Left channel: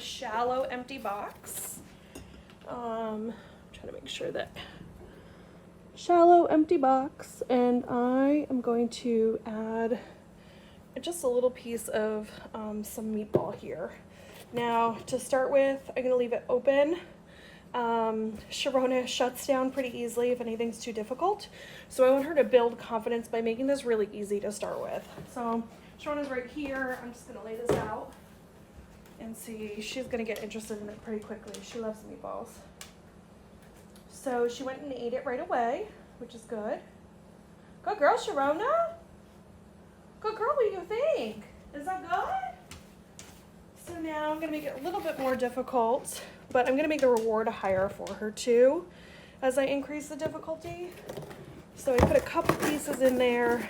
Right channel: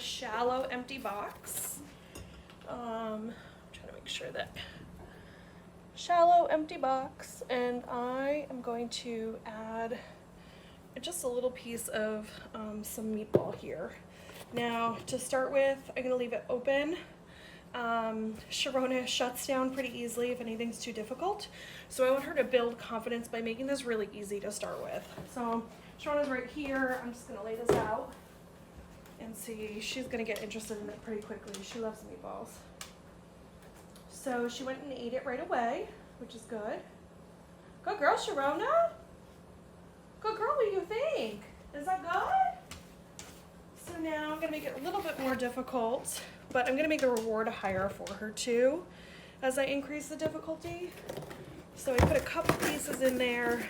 shallow empty box. I'm trying to make sure that shallow empty box, and I am going to add just a little piece of some meatball here. Now to start with, I'm going to leave it open. Sharona shuts down pretty easily if anything's too difficult, so I want her to build confidence by making this really easy to start with. So Sharona's right here. I'm just going to lay this out and see. She's going to get interested in it pretty quickly. She loves meatballs. So she went and ate it right away, which is good. Good girl, Sharona. Good girl, what do you think? Is that good? So now I'm going to make it a little bit more difficult, but I'm going to make the reward higher for her too as I increase the difficulty. So I put a couple pieces in there.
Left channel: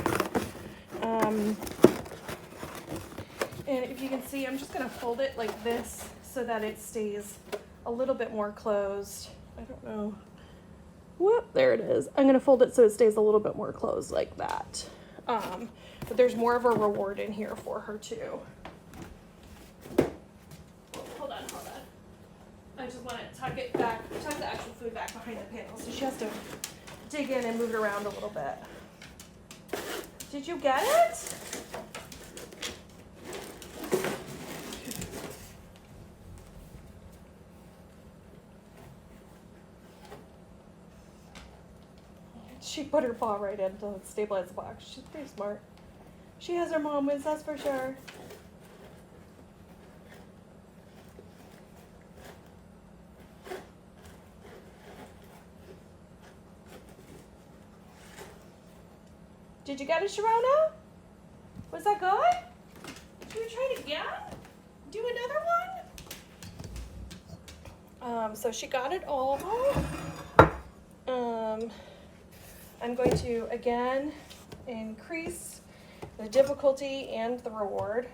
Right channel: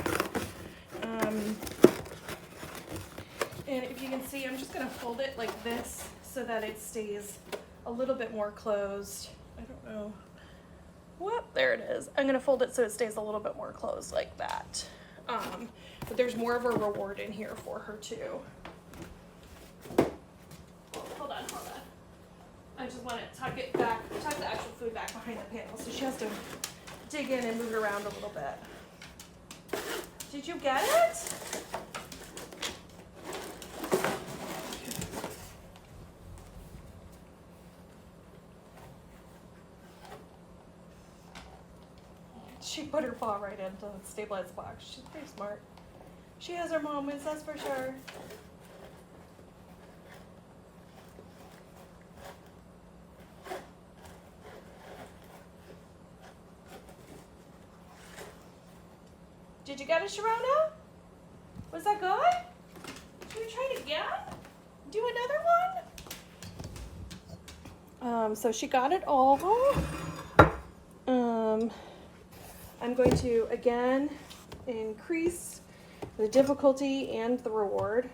And if you can see, I'm just going to fold it like this so that it stays a little bit more closed. I don't know. Whoop, there it is. I'm going to fold it so it stays a little bit more closed like that. But there's more of a reward in here for her too. Hold on. I just want to tuck the actual food back behind the panel, so she has to dig in and move it around a little bit. Did you get it? She put her paw right into the stabilized box. She's pretty smart. She has her mom wins, that's for sure. Did you get it, Sharona? Was that good? Should we try it again? Do another one? So she got it all. I'm going to, again, increase the difficulty and the reward.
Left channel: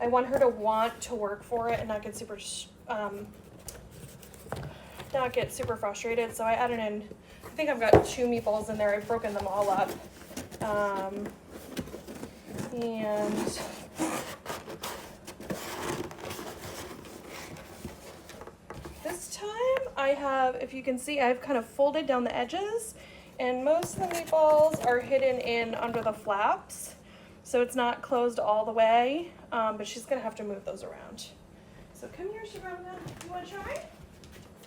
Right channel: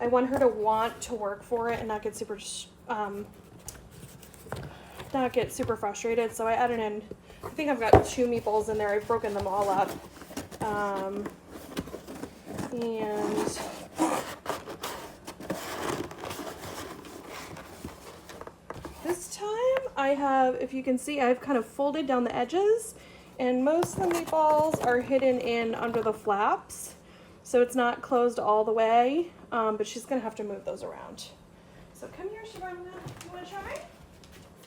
I want her to want to work for it and not get super frustrated. So I added in, I think I've got 2 meatballs in there. I've broken them all up. And this time I have, if you can see, I've kind of folded down the edges, and most of the meatballs are hidden in under the flaps, so it's not closed all the way, but she's gonna have to move those around. So come here, Sharona. You wanna try?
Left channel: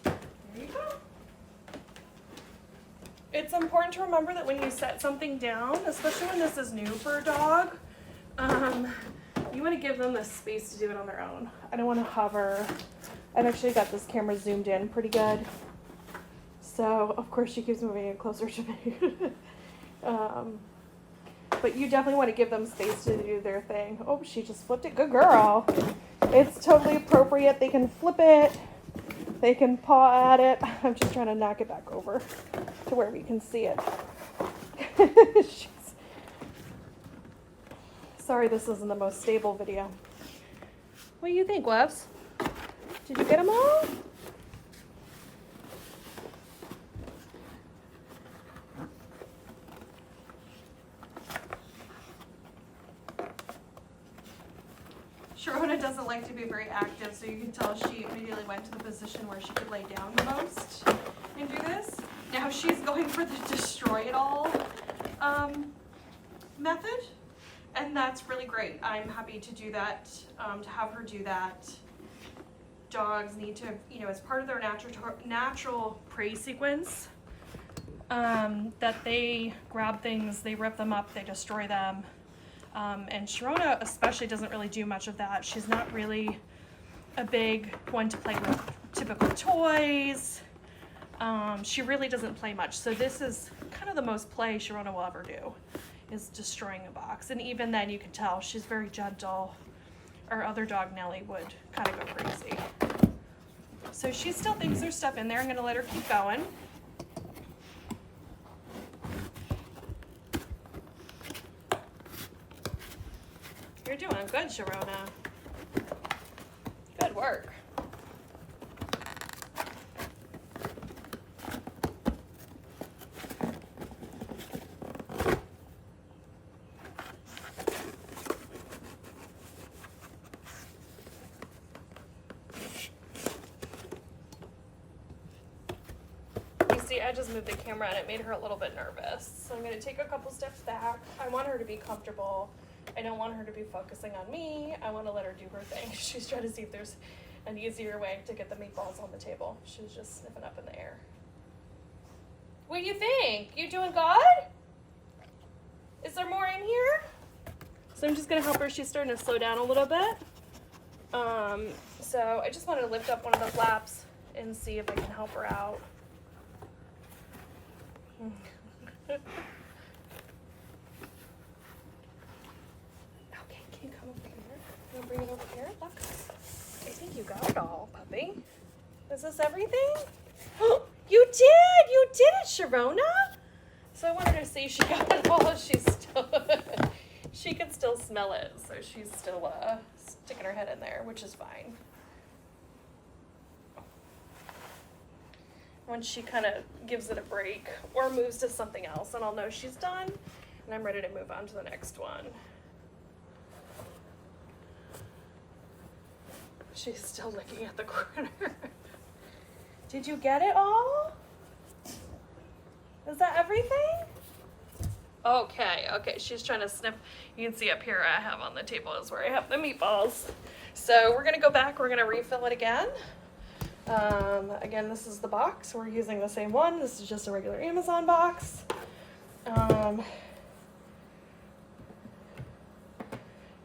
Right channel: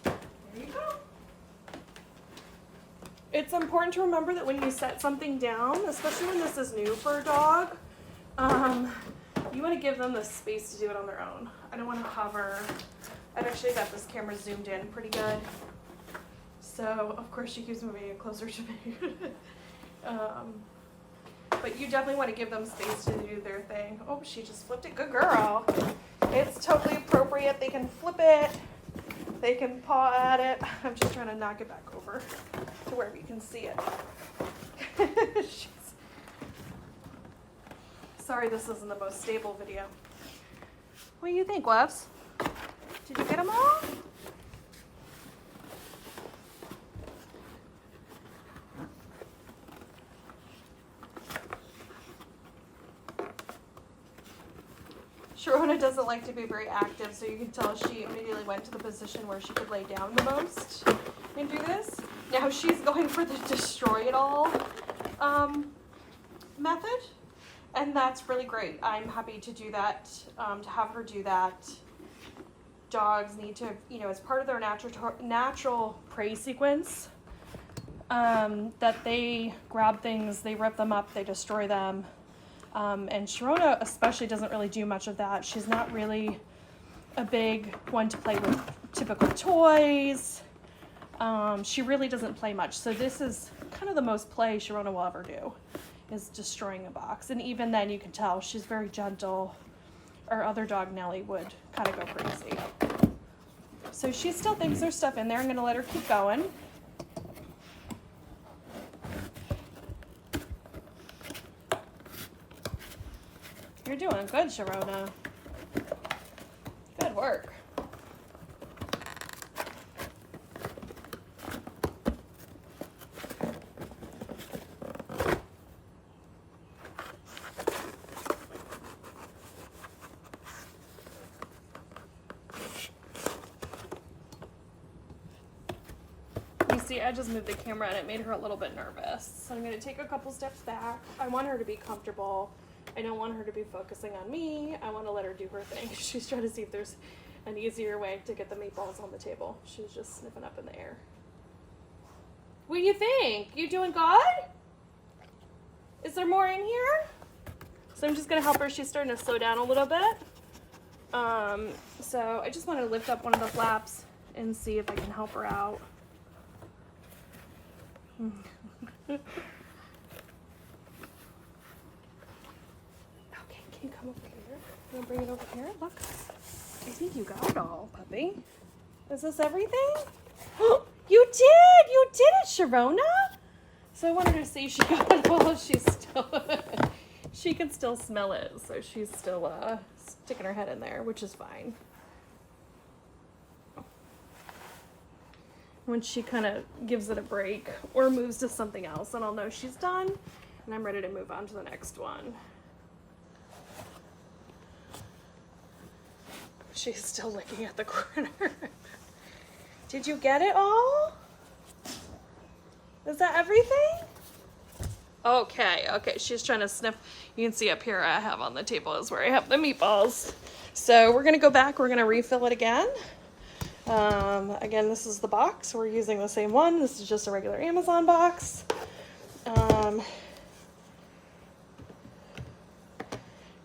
There you go. It's important to remember that when you set something down, especially when this is new for a dog, you want to give them the space to do it on their own. I don't want to hover. I've actually got this camera zoomed in pretty good. So, of course, she keeps moving it closer to me. But you definitely want to give them space to do their thing. Oh, she just flipped it. Good girl. It's totally appropriate. They can flip it. They can paw at it. I'm just trying to knock it back over to where we can see it. Sorry, this isn't the most stable video. What do you think, loves? Did you get them all? Sharona doesn't like to be very active, so you can tell she immediately went to the position where she could lay down the most and do this. Now she's going for the destroy it all method, and that's really great. I'm happy to do that, to have her do that. Dogs need to, as part of their natural prey sequence, that they grab things, they rip them up, they destroy them. And Sharona especially doesn't really do much of that. She's not really a big one to play with typical toys. She really doesn't play much. So this is kind of the most play Sharona will ever do, is destroying a box. And even then you can tell she's very gentle. Our other dog, Nellie, would kind of go crazy. So she still thinks there's stuff in there. I'm going to let her keep going. You're doing good, Sharona. Good work. See, I just moved the camera and it made her a little bit nervous. So I'm gonna take a couple steps back. I want her to be comfortable. I don't want her to be focusing on me. I want to let her do her thing. She's trying to see if there's an easier way to get the meatballs on the table. She was just sniffing up in the air. What do you think? You doing good? Is there more in here? So I'm just gonna help her. She's starting to slow down a little bit. So I just want to lift up one of those laps and see if I can help her out. Okay, can you come over here? Can you bring it over here? Look, I think you got it all, puppy. Is this everything? You did it, Sharona. So I wanted to see she got it all. She can still smell it, so she's still sticking her head in there, which is fine. Once she kind of gives it a break or moves to something else, then I'll know she's done and I'm ready to move on to the next one. She's still looking at the corner. Did you get it all? Is that everything? Okay, she's trying to sniff. You can see up here I have on the table is where I have the meatballs. So we're gonna go back, we're gonna refill it again. Again, this is the box. We're using the same one. This is just a regular Amazon box.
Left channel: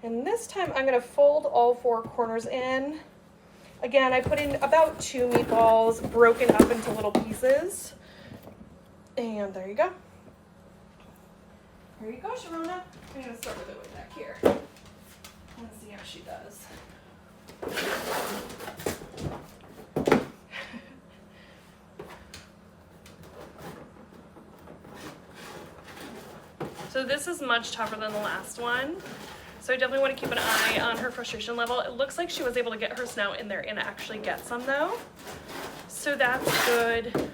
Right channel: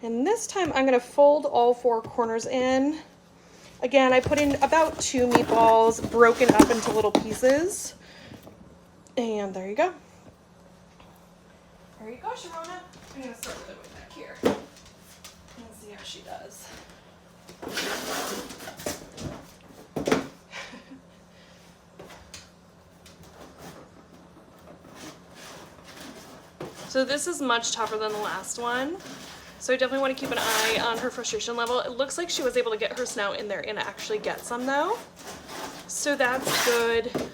And this time I'm gonna fold all 4 corners in. Again, I put in about 2 meatballs broken up into little pieces. And there you go. There you go, Sharona. I'm gonna start with it way back here and see how she does. So this is much tougher than the last one. So I definitely want to keep an eye on her frustration level. It looks like she was able to get her snout in there and actually get some though. So that's good.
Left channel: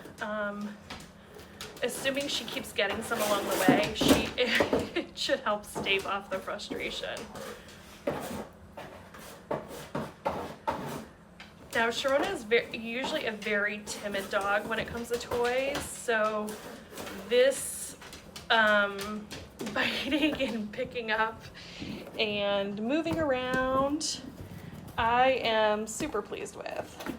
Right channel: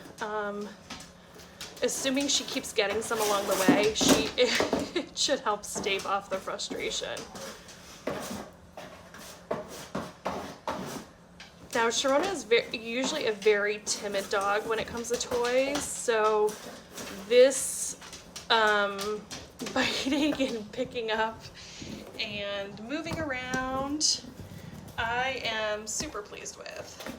Assuming she keeps getting some along the way, it should help stave off the frustration. Now Sharona is usually a very timid dog when it comes to toys, so this biting and picking up and moving around, I am super pleased with.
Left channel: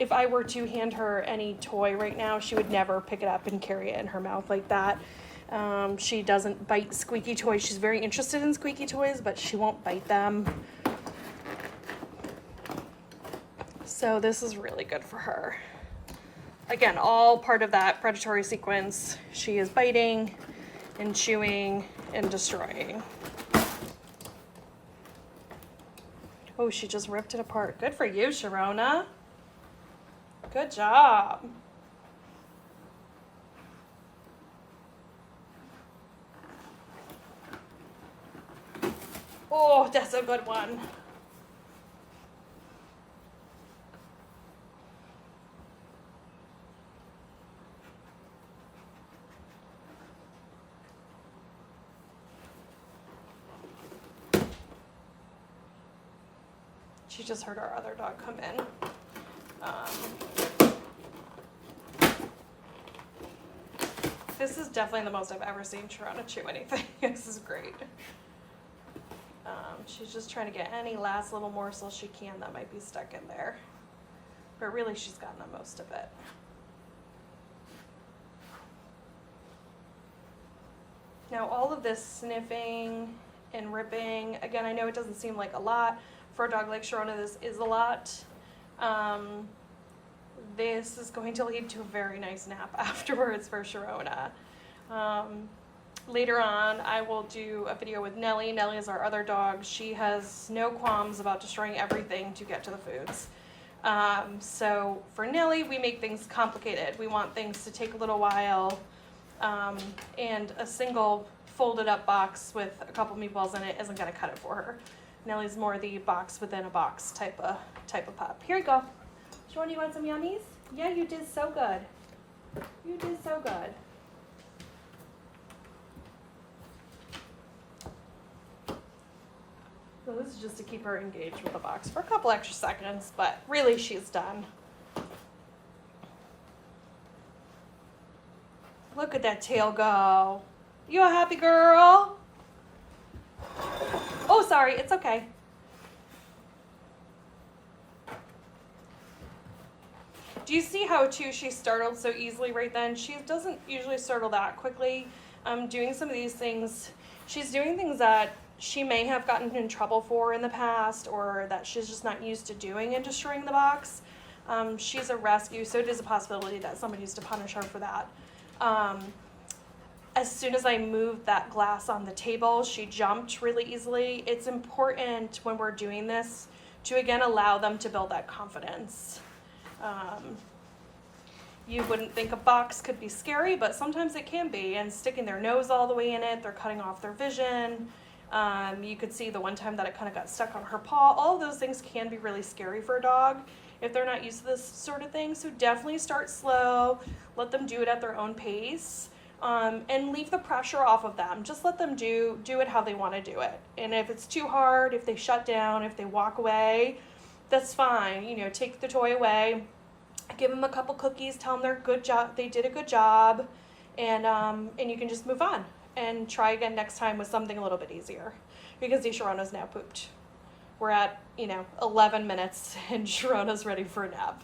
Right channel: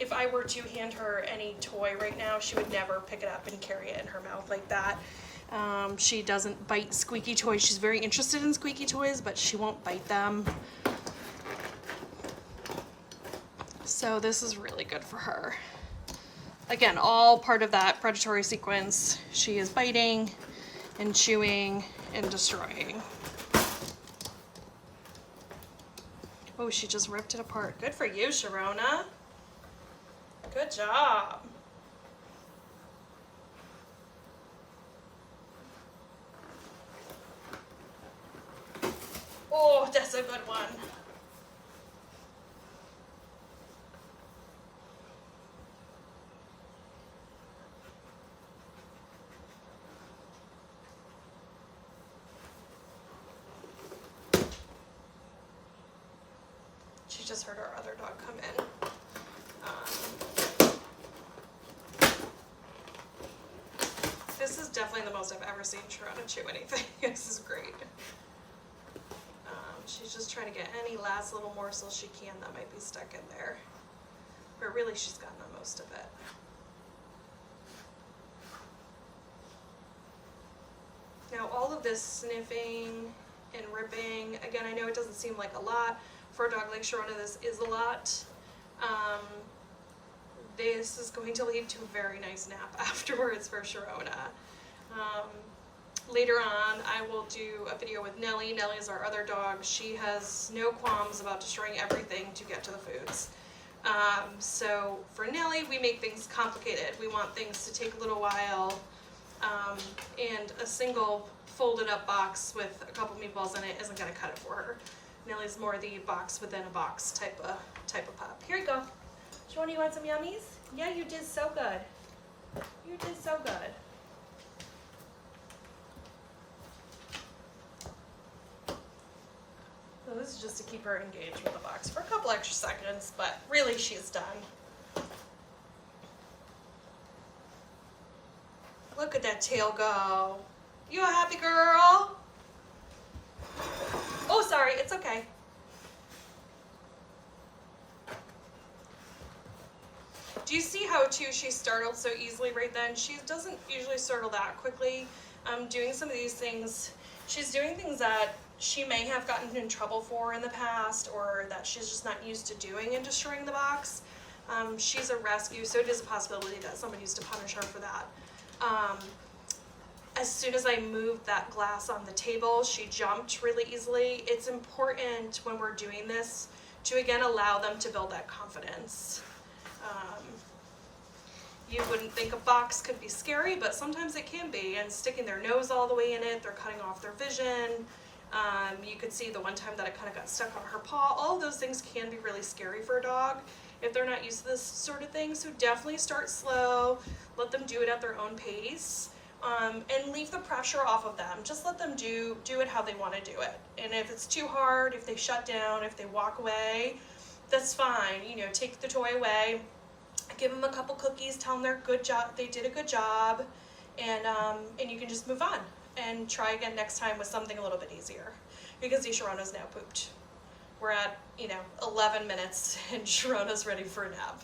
If I were to hand her any toy right now, she would never pick it up and carry it in her mouth like that. She doesn't bite squeaky toys. She's very interested in squeaky toys, but she won't bite them. So this is really good for her. Again, all part of that predatory sequence. She is biting and chewing and destroying. Oh, she just ripped it apart. Good for you, Sharona. Good job. Oh, that's a good one. She just heard our other dog come in. This is definitely the most I've ever seen Sharona chew anything. This is great. She's just trying to get any last little morsel she can that might be stuck in there. But really she's gotten the most of it. Now all of this sniffing and ripping, again, I know it doesn't seem like a lot. For a dog like Sharona, this is a lot. This is going to lead to a very nice nap afterwards for Sharona. Later on, I will do a video with Nellie. Nellie is our other dog. She has no qualms about destroying everything to get to the foods. So for Nellie, we make things complicated. We want things to take a little while, and a single folded up box with a couple meatballs in it isn't gonna cut it for her. Nellie's more the box within a box type of pup. Here you go. Shawana, you want some yummies? Yeah, you did so good. You did so good. So this is just to keep her engaged with the box for a couple extra seconds, but really she's done. Look at that tail go. You a happy girl? Oh, sorry, it's okay. Do you see how, too, she startled so easily right then? She doesn't usually startle that quickly. Doing some of these things, she's doing things that she may have gotten in trouble for in the past, or that she's just not used to doing and destroying the box. She's a rescue, so it is a possibility that someone used to punish her for that. As soon as I moved that glass on the table, she jumped really easily. It's important when we're doing this to, again, allow them to build that confidence. You wouldn't think a box could be scary, but sometimes it can be, and sticking their nose all the way in it, they're cutting off their vision. You could see the one time that it kind of got stuck on her paw. All of those things can be really scary for a dog if they're not used to this sort of thing. So definitely start slow, let them do it at their own pace, and leave the pressure off of them. Just let them do it how they want to do it. And if it's too hard, if they shut down, if they walk away, that's fine. You know, take the toy away, give them a couple cookies, tell them they did a good job, and you can just move on and try again next time with something a little bit easier. Because Sharona's now pooped. We're at 11 minutes and Sharona's ready for a nap.